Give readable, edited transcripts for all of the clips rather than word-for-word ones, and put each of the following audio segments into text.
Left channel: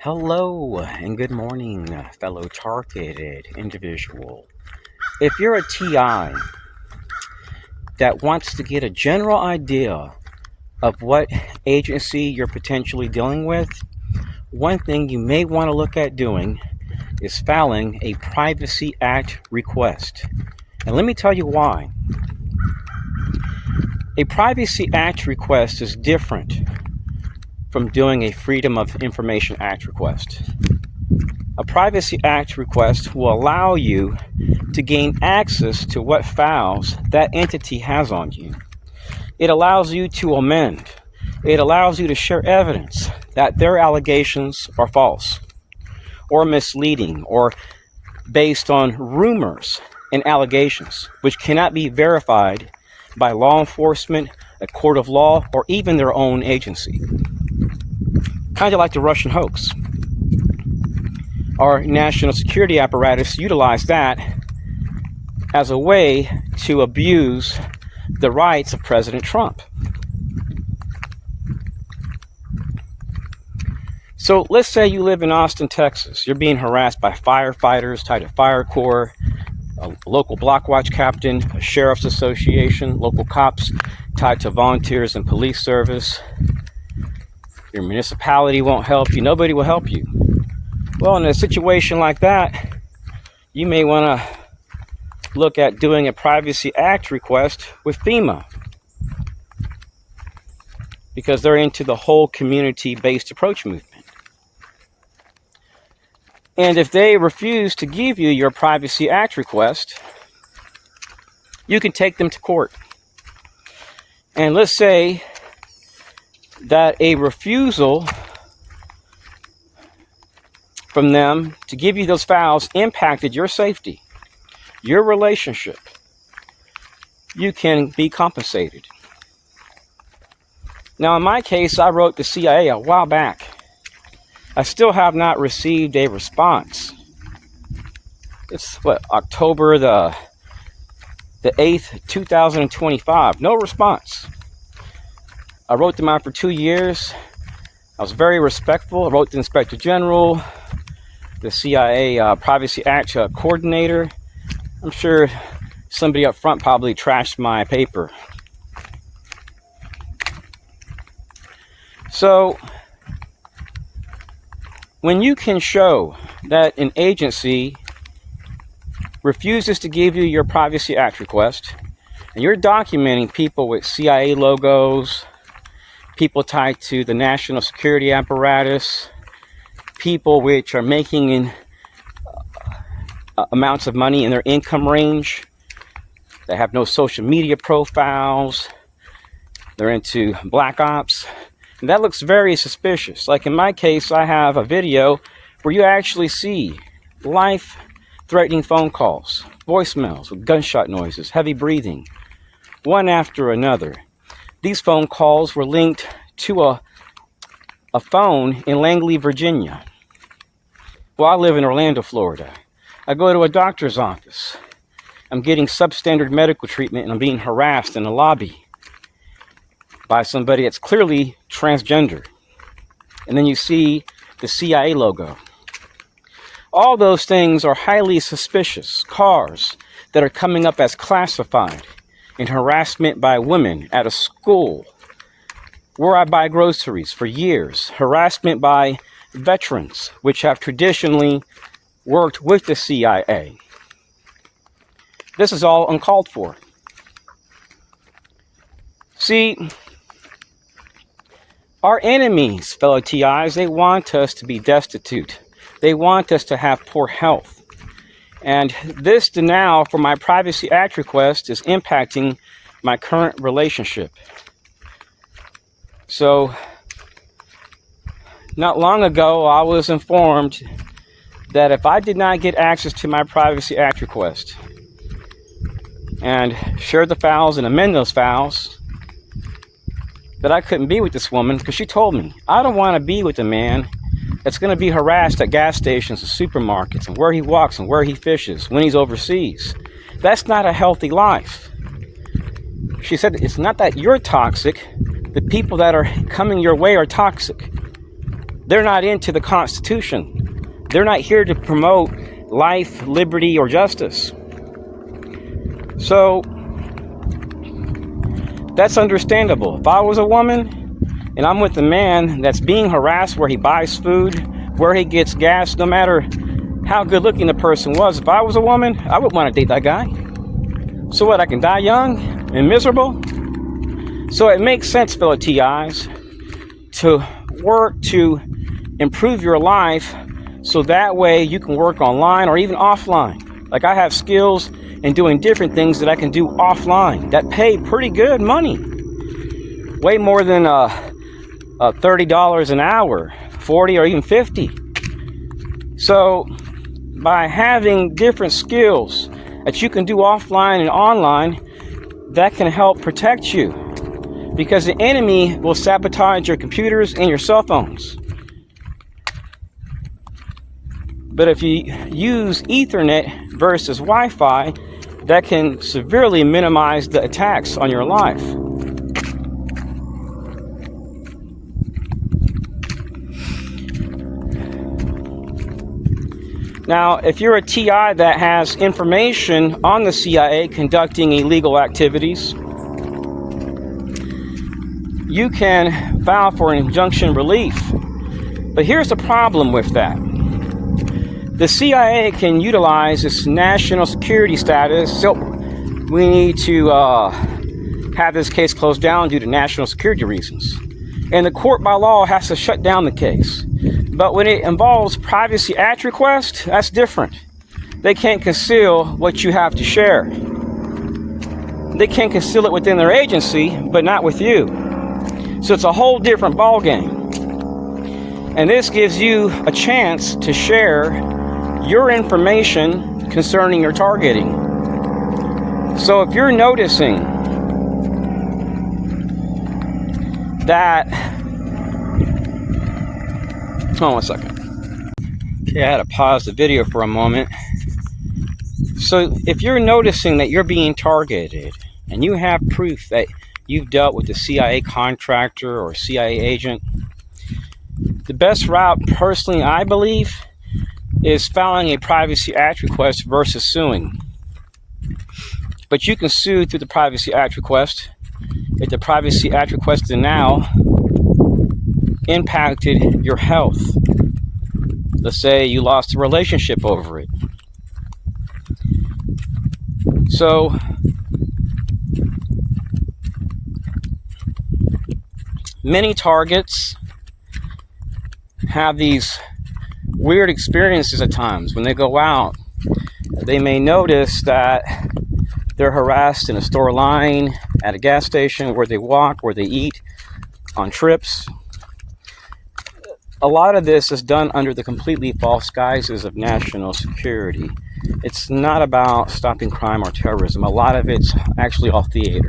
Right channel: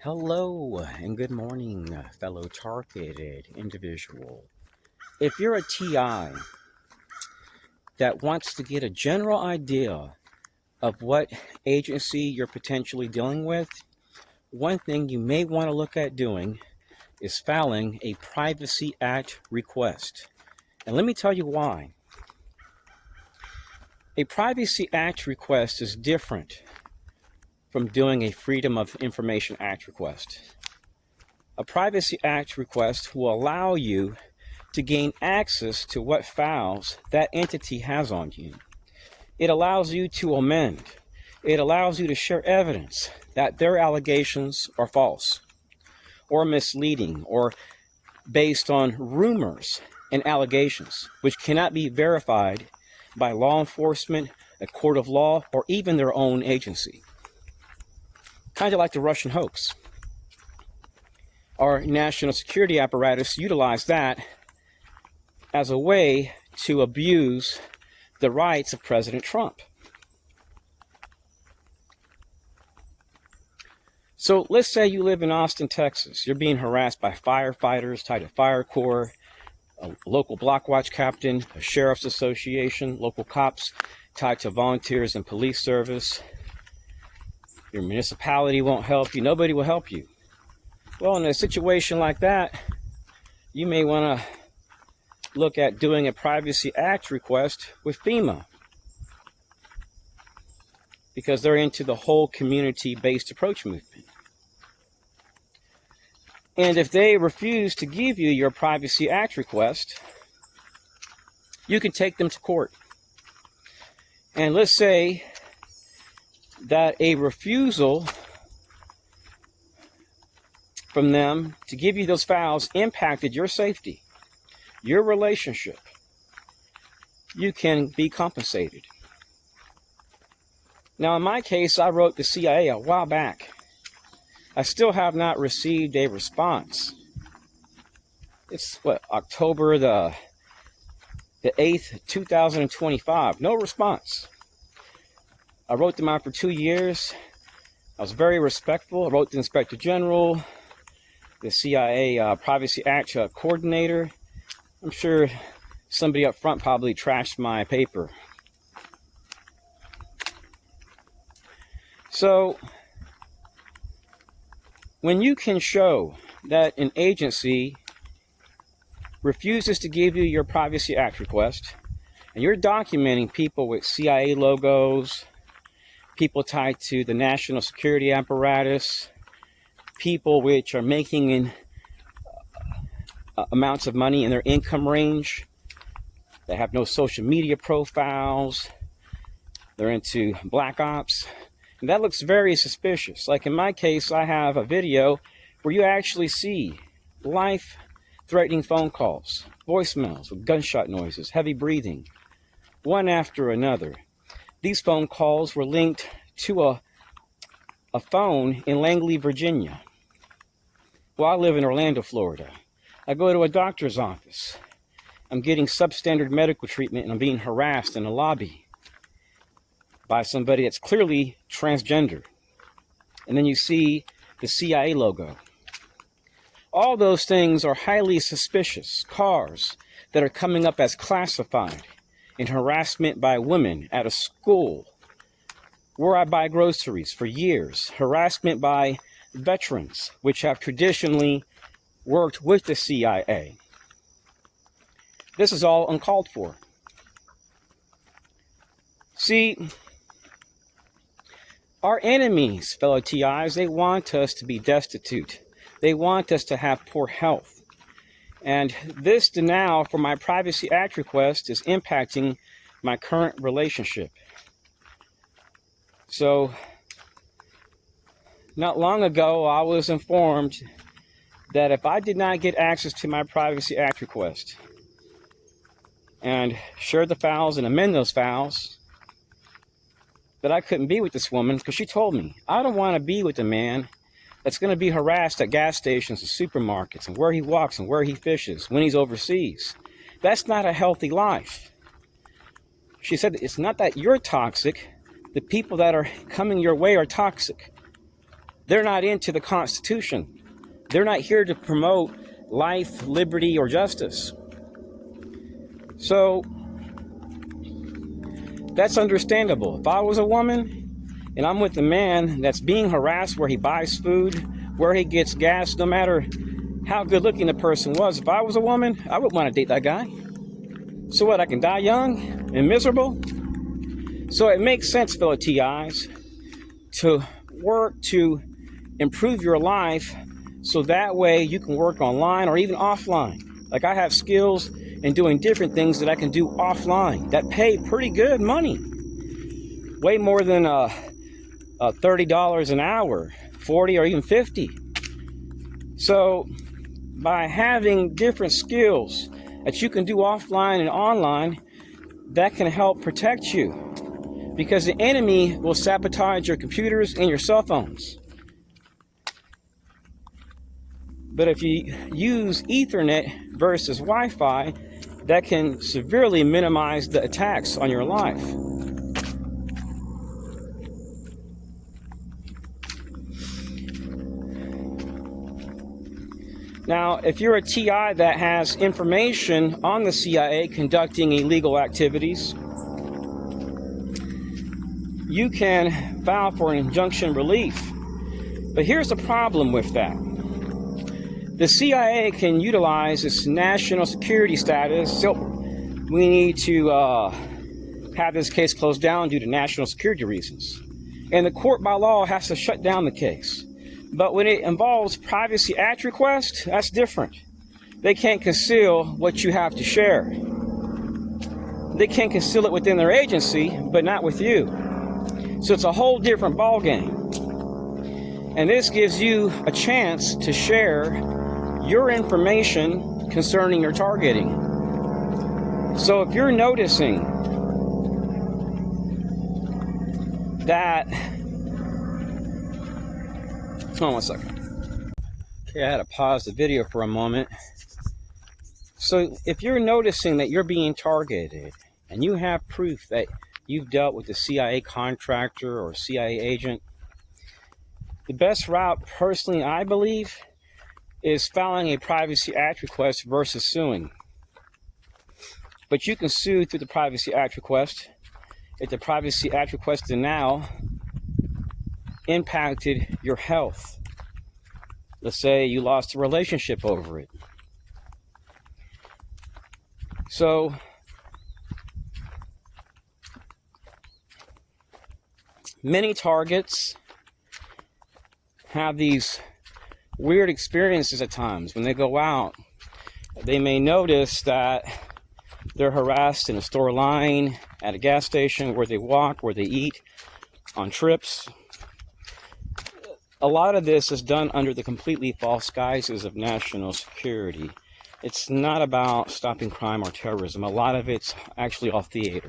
Hello and good morning, fellow targeted individual. If you're a TI that wants to get a general idea of what agency you're potentially dealing with, one thing you may want to look at doing is filing a Privacy Act request. And let me tell you why. A Privacy Act request is different from doing a Freedom of Information Act request. A Privacy Act request will allow you to gain access to what files that entity has on you. It allows you to amend. It allows you to share evidence that their allegations are false or misleading or based on rumors and allegations, which cannot be verified by law enforcement, a court of law, or even their own agency. Kind of like the Russian hoax. Our national security apparatus utilized that as a way to abuse the rights of President Trump. So let's say you live in Austin, Texas. You're being harassed by firefighters tied to fire corps, a local block watch captain, a sheriff's association, local cops tied to volunteers and police service. Your municipality won't help you. Nobody will help you. Well, in a situation like that, you may want to look at doing a Privacy Act request with FEMA, because they're into the whole community-based approach movement. And if they refuse to give you your Privacy Act request, you can take them to court. And let's say that a refusal from them to give you those files impacted your safety, your relationship. You can be compensated. Now, in my case, I wrote the CIA a while back. I still have not received a response. It's October the 8th, 2025. No response. I wrote them out for 2 years. I was very respectful. I wrote the Inspector General, the CIA Privacy Act coordinator. I'm sure somebody up front probably trashed my paper. So, when you can show that an agency refuses to give you your Privacy Act request, and you're documenting people with CIA logos, people tied to the national security apparatus, people which are making amounts of money in their income range, they have no social media profiles, they're into black ops, and that looks very suspicious. Like in my case, I have a video where you actually see life-threatening phone calls, voicemails with gunshot noises, heavy breathing, one after another. These phone calls were linked to a phone in Langley, Virginia. Well, I live in Orlando, Florida. I go to a doctor's office. I'm getting substandard medical treatment and I'm being harassed in the lobby by somebody that's clearly transgender. And then you see the CIA logo. All those things are highly suspicious. Cars that are coming up as classified, and harassment by women at a school where I buy groceries for years, harassment by veterans, which have traditionally worked with the CIA. This is all uncalled for. See, our enemies, fellow TIs, they want us to be destitute. They want us to have poor health. And this denial for my Privacy Act request is impacting my current relationship. So, not long ago, I was informed that if I did not get access to my Privacy Act request and share the files and amend those files, that I couldn't be with this woman, because she told me, I don't want to be with a man that's going to be harassed at gas stations and supermarkets and where he walks and where he fishes when he's overseas. That's not a healthy life. She said, it's not that you're toxic. The people that are coming your way are toxic. They're not into the Constitution. They're not here to promote life, liberty, or justice. So that's understandable. If I was a woman and I'm with a man that's being harassed where he buys food, where he gets gas, no matter how good looking the person was, if I was a woman, I would want to date that guy. So what, I can die young and miserable? So it makes sense, fellow TIs, to work to improve your life so that way you can work online or even offline. Like, I have skills in doing different things that I can do offline that pay pretty good money. Way more than $30 an hour, 40 or even 50. So by having different skills that you can do offline and online, that can help protect you, because the enemy will sabotage your computers and your cell phones. But if you use Ethernet versus Wi-Fi, that can severely minimize the attacks on your life. Now, if you're a TI that has information on the CIA conducting illegal activities, you can file for an injunction relief. But here's the problem with that. The CIA can utilize its national security status, so we need to have this case closed down due to national security reasons. And the court by law has to shut down the case. But when it involves Privacy Act request, that's different. They can't conceal what you have to share. They can conceal it within their agency, but not with you. So it's a whole different ballgame. And this gives you a chance to share your information concerning your targeting. So if you're noticing that, hold on one second. Okay, I had to pause the video for a moment. So if you're noticing that you're being targeted and you have proof that you've dealt with a CIA contractor or CIA agent, the best route, personally, I believe, is filing a Privacy Act request versus suing. But you can sue through the Privacy Act request if the Privacy Act request denial impacted your health. Let's say you lost a relationship over it. So many targets have these weird experiences at times. When they go out, they may notice that they're harassed in a store line, at a gas station, where they walk, where they eat, on trips. A lot of this is done under the completely false guises of national security. It's not about stopping crime or terrorism. A lot of it's actually all theater.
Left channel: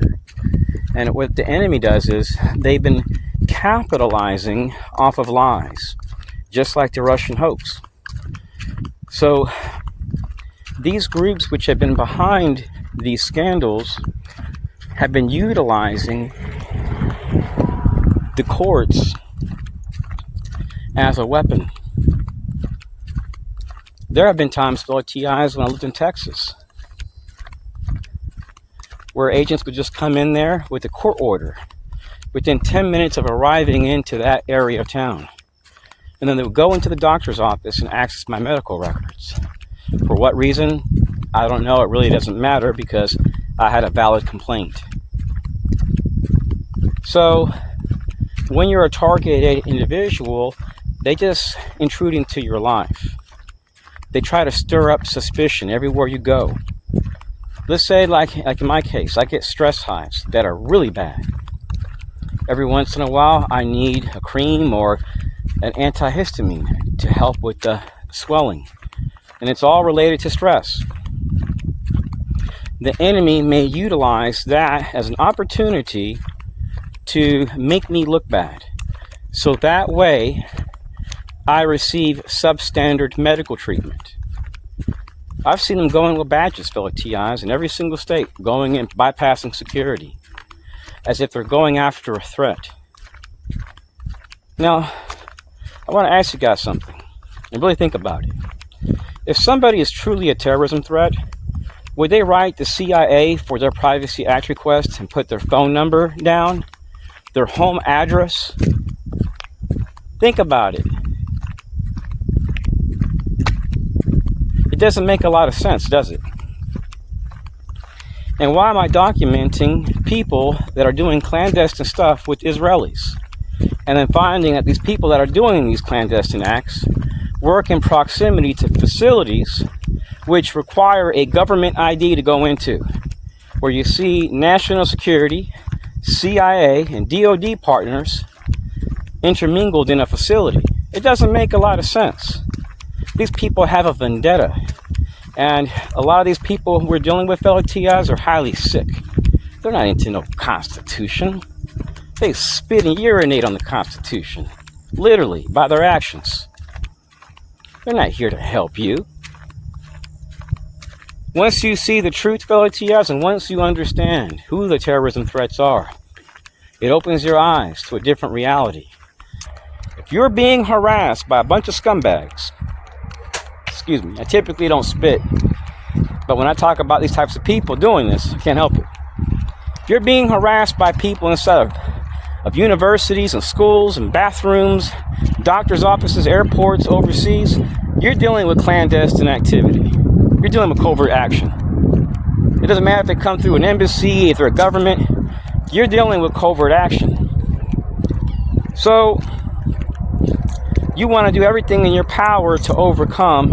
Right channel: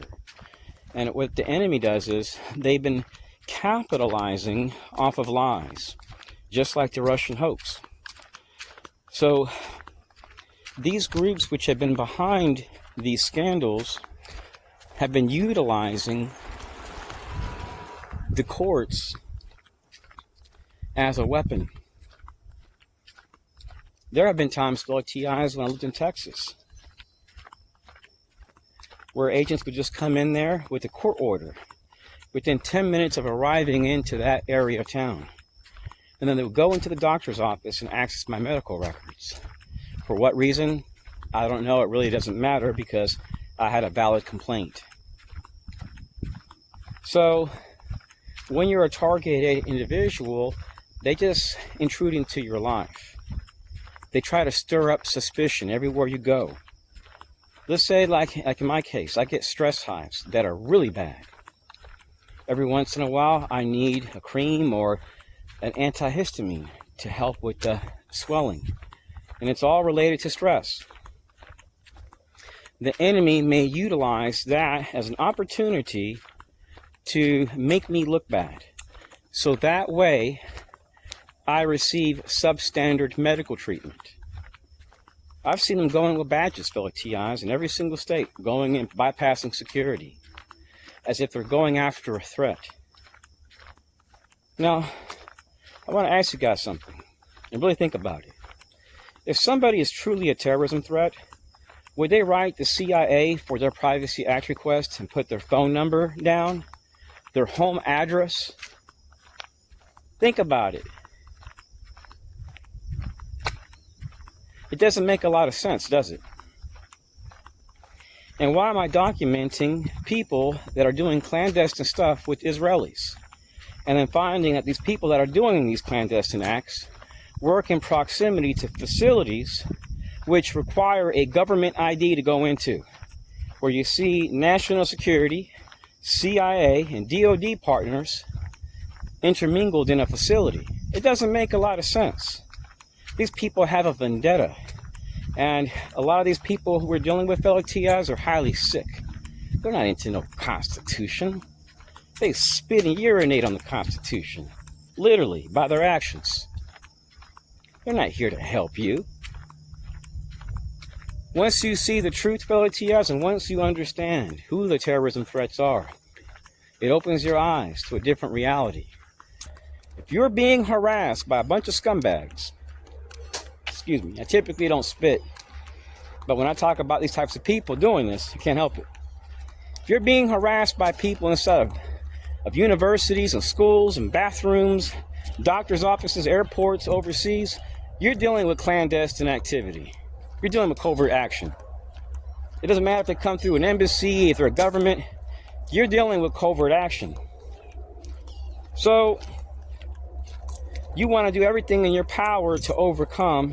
And what the enemy does is they've been capitalizing off of lies, just like the Russian hoax. So these groups which have been behind these scandals have been utilizing the courts as a weapon. There have been times, fellow TIs, when I lived in Texas, where agents would just come in there with a court order within 10 minutes of arriving into that area of town. And then they would go into the doctor's office and access my medical records. For what reason? I don't know. It really doesn't matter, because I had a valid complaint. So when you're a targeted individual, they just intrude into your life. They try to stir up suspicion everywhere you go. Let's say, like in my case, I get stress hives that are really bad. Every once in a while, I need a cream or an antihistamine to help with the swelling. And it's all related to stress. The enemy may utilize that as an opportunity to make me look bad. So that way, I receive substandard medical treatment. I've seen them going with badges, fellow TIs, in every single state, going in, bypassing security, as if they're going after a threat. Now, I want to ask you guys something, and really think about it. If somebody is truly a terrorism threat, would they write the CIA for their Privacy Act request and put their phone number down, their home address? Think about it. It doesn't make a lot of sense, does it? And why am I documenting people that are doing clandestine stuff with Israelis? And then finding that these people that are doing these clandestine acts work in proximity to facilities which require a government ID to go into, where you see national security, CIA, and DOD partners intermingled in a facility. It doesn't make a lot of sense. These people have a vendetta. And a lot of these people we're dealing with, fellow TIs, are highly sick. They're not into no Constitution. They spit and urinate on the Constitution, literally, by their actions. They're not here to help you. Once you see the truth, fellow TIs, and once you understand who the terrorism threats are, it opens your eyes to a different reality. If you're being harassed by a bunch of scumbags, excuse me, I typically don't spit, but when I talk about these types of people doing this, I can't help it. If you're being harassed by people inside of universities and schools and bathrooms, doctors' offices, airports, overseas, you're dealing with clandestine activity. You're dealing with covert action. It doesn't matter if they come through an embassy, if they're a government, you're dealing with covert action. So, you want to do everything in your power to overcome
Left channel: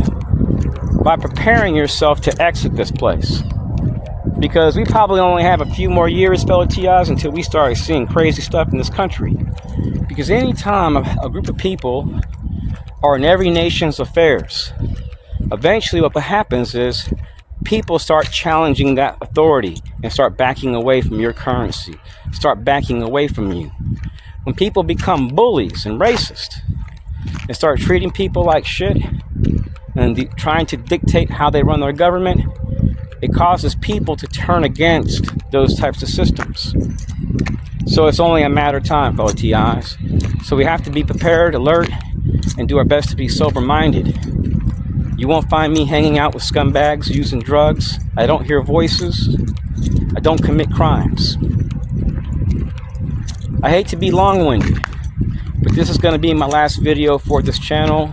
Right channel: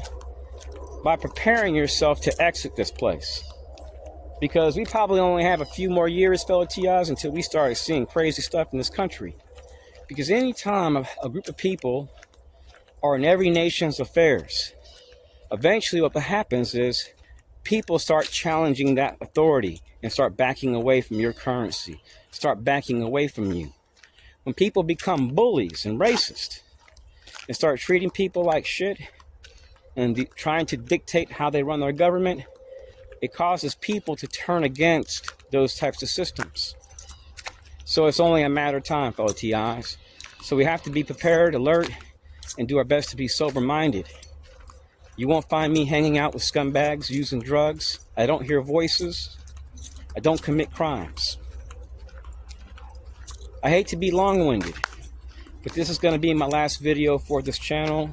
by preparing yourself to exit this place. Because we probably only have a few more years, fellow TIs, until we start seeing crazy stuff in this country. Because anytime a group of people are in every nation's affairs, eventually what happens is people start challenging that authority and start backing away from your currency, start backing away from you. When people become bullies and racist and start treating people like shit and trying to dictate how they run their government, it causes people to turn against those types of systems. So it's only a matter of time, fellow TIs. So we have to be prepared, alert, and do our best to be sober-minded. You won't find me hanging out with scumbags, using drugs. I don't hear voices. I don't commit crimes. I hate to be long-winded, but this is going to be my last video for this channel.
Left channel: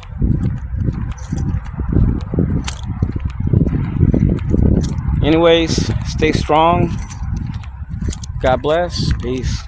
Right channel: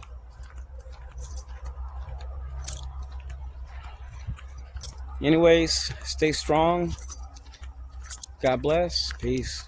Anyways, stay strong. God bless. Peace.